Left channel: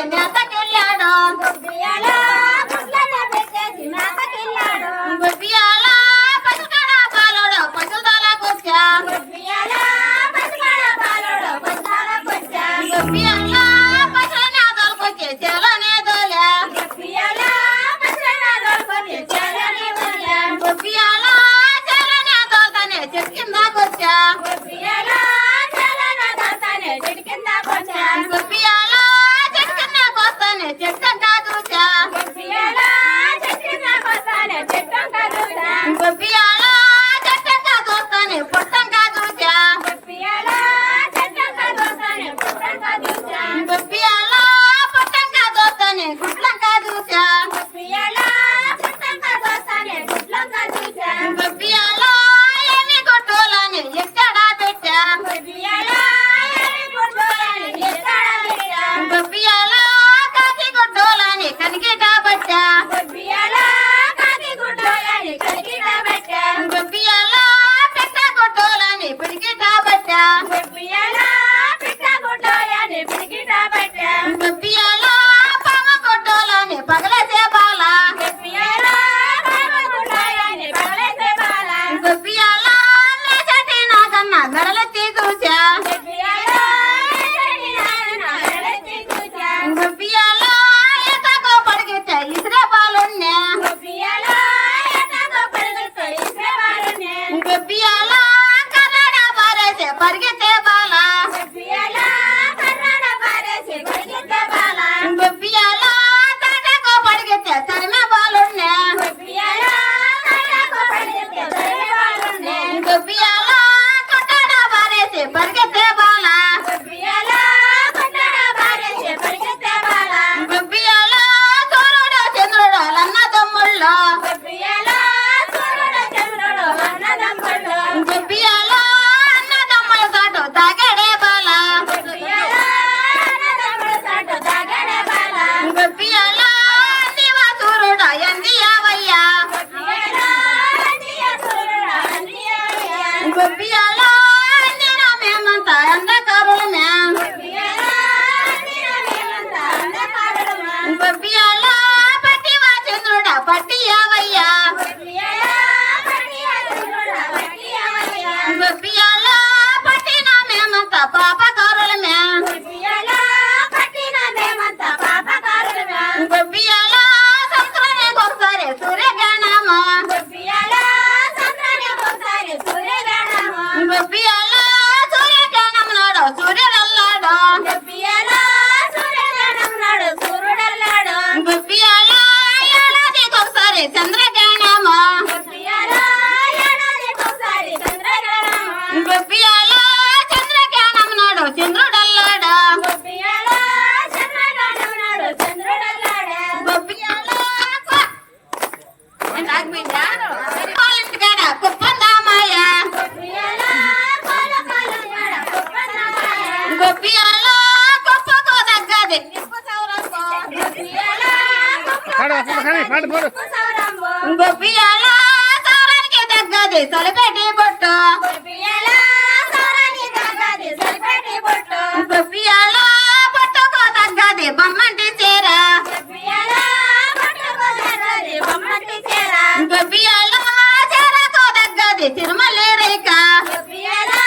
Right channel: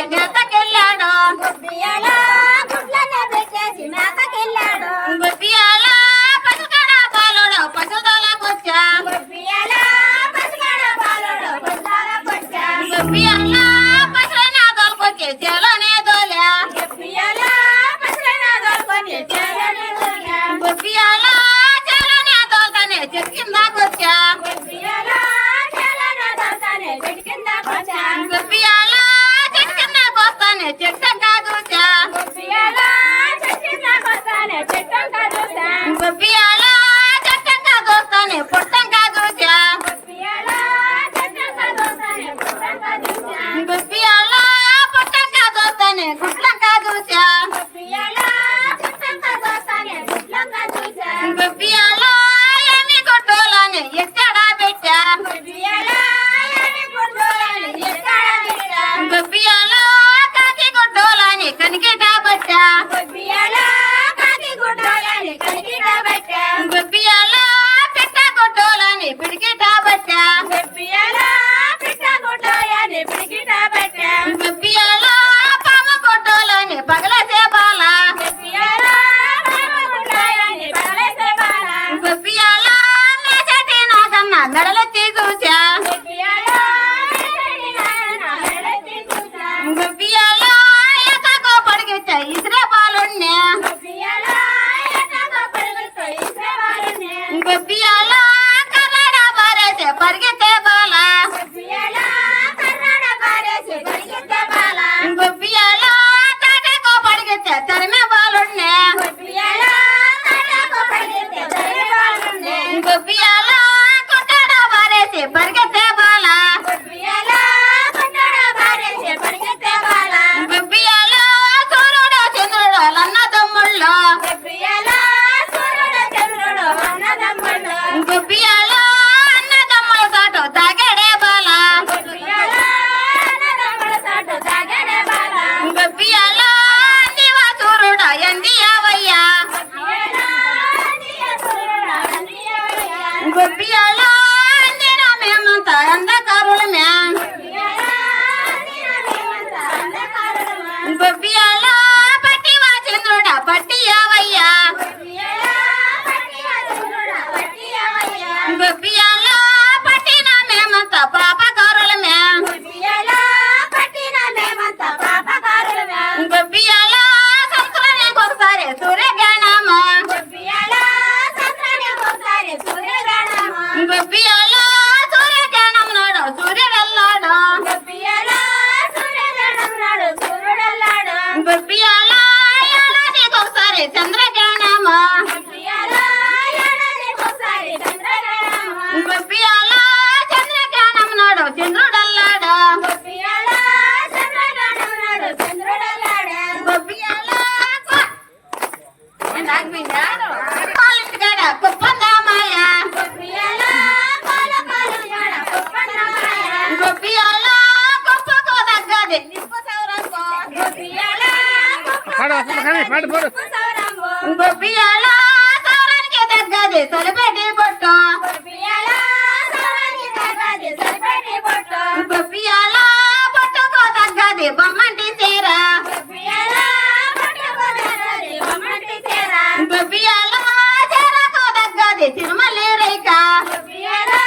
మేతకెళ్ళాడు మేతకెళ్ళాడు బియ్యాలా పసుకడ పాలోడు పసుదోలకొచ్చా బియ్యాలా పసుకడ పాలోడు చెట్టు కిందకొచ్చా బియ్యాలా మెడల తీగుచా గుప్పియాలో ఎక్కడికో పడిగితే ఇసురే బాలుణ్ణే గుప్పియాలో కర్ణాటక పారేసే పరిగితే బాలా గుప్పియాలో తాటకో పడిగితే తరిమే బాలుణ్ణే గుప్పియా పోసారే సూర్యగణమా గొప్పియాలా సత్రాన్ని పోసారే సూర్యగణమా గొప్పియాలా సూర్యగణం నాడు సూర్యుడల్లాడు గొప్పియాలా సూర్యగణం నాడు సూర్యుడల్లాడు చంద్ర గొప్పియాలో సౌరానికి తగ్గది తొలిపెట్టి పొట్ట గొప్పియాలో సౌరానికి తగ్గది తొలిపెట్టి పొట్ట గొప్పియాలో పొట్టకు తగ్గది బొమ్మంటి చీర గొప్పియాలో పొట్టకు తగ్గది బొమ్మంటి చీర గొప్పియాలో చీరకు తగ్గది తిరుమల రేఖ గొప్పియాలో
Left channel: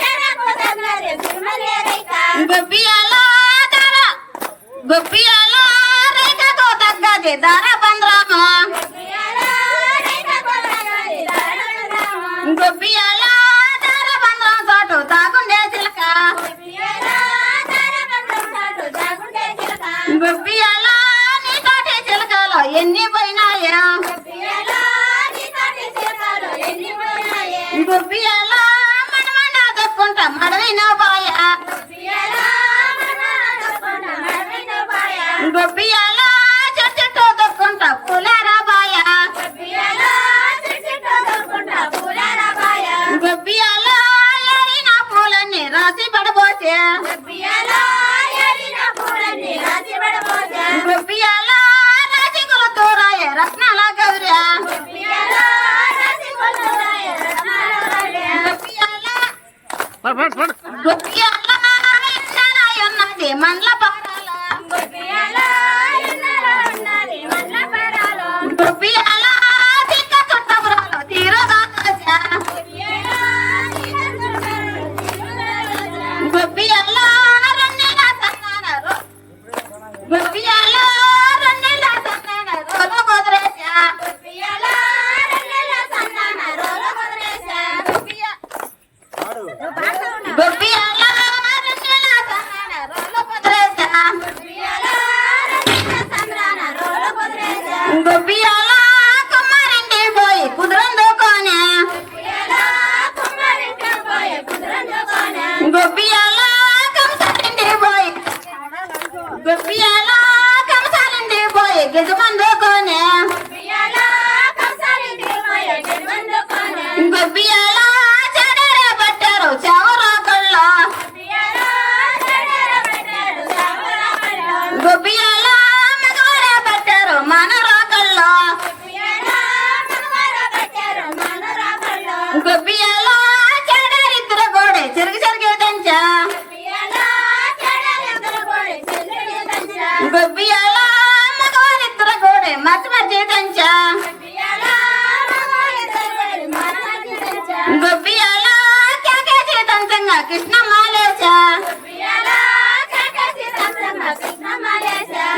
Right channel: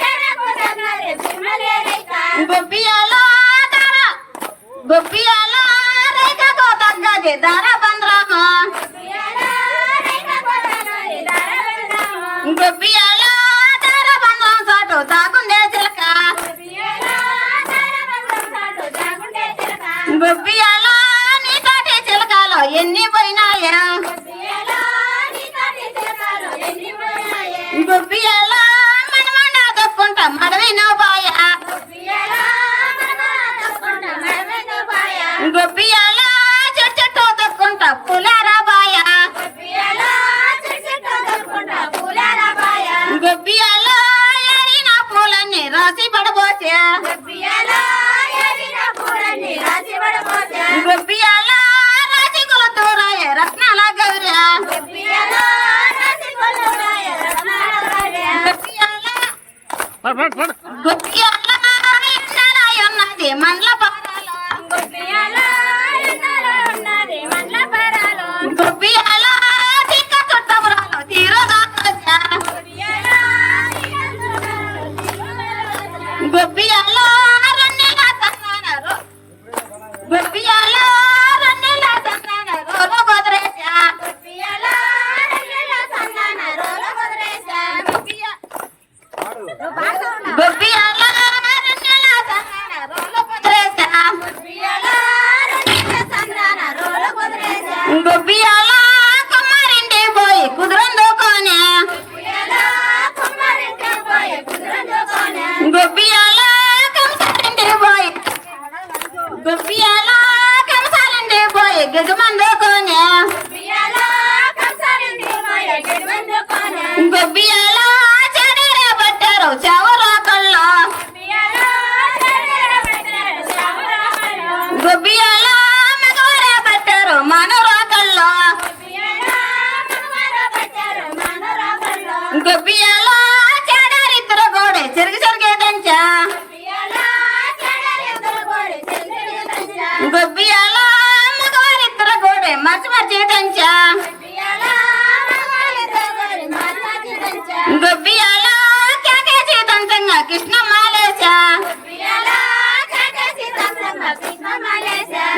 చీరకు తగ్గది తిరుమల రేఖ గొప్పియాలో గొప్పియాలో గిదార బంద్రామా? గొప్పియాల ముఖ్యమైన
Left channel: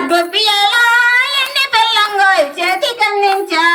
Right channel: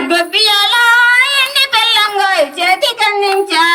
గొబ్బియాల ఎన్ని పెళ్ళంగోయ్ చేతి కందించా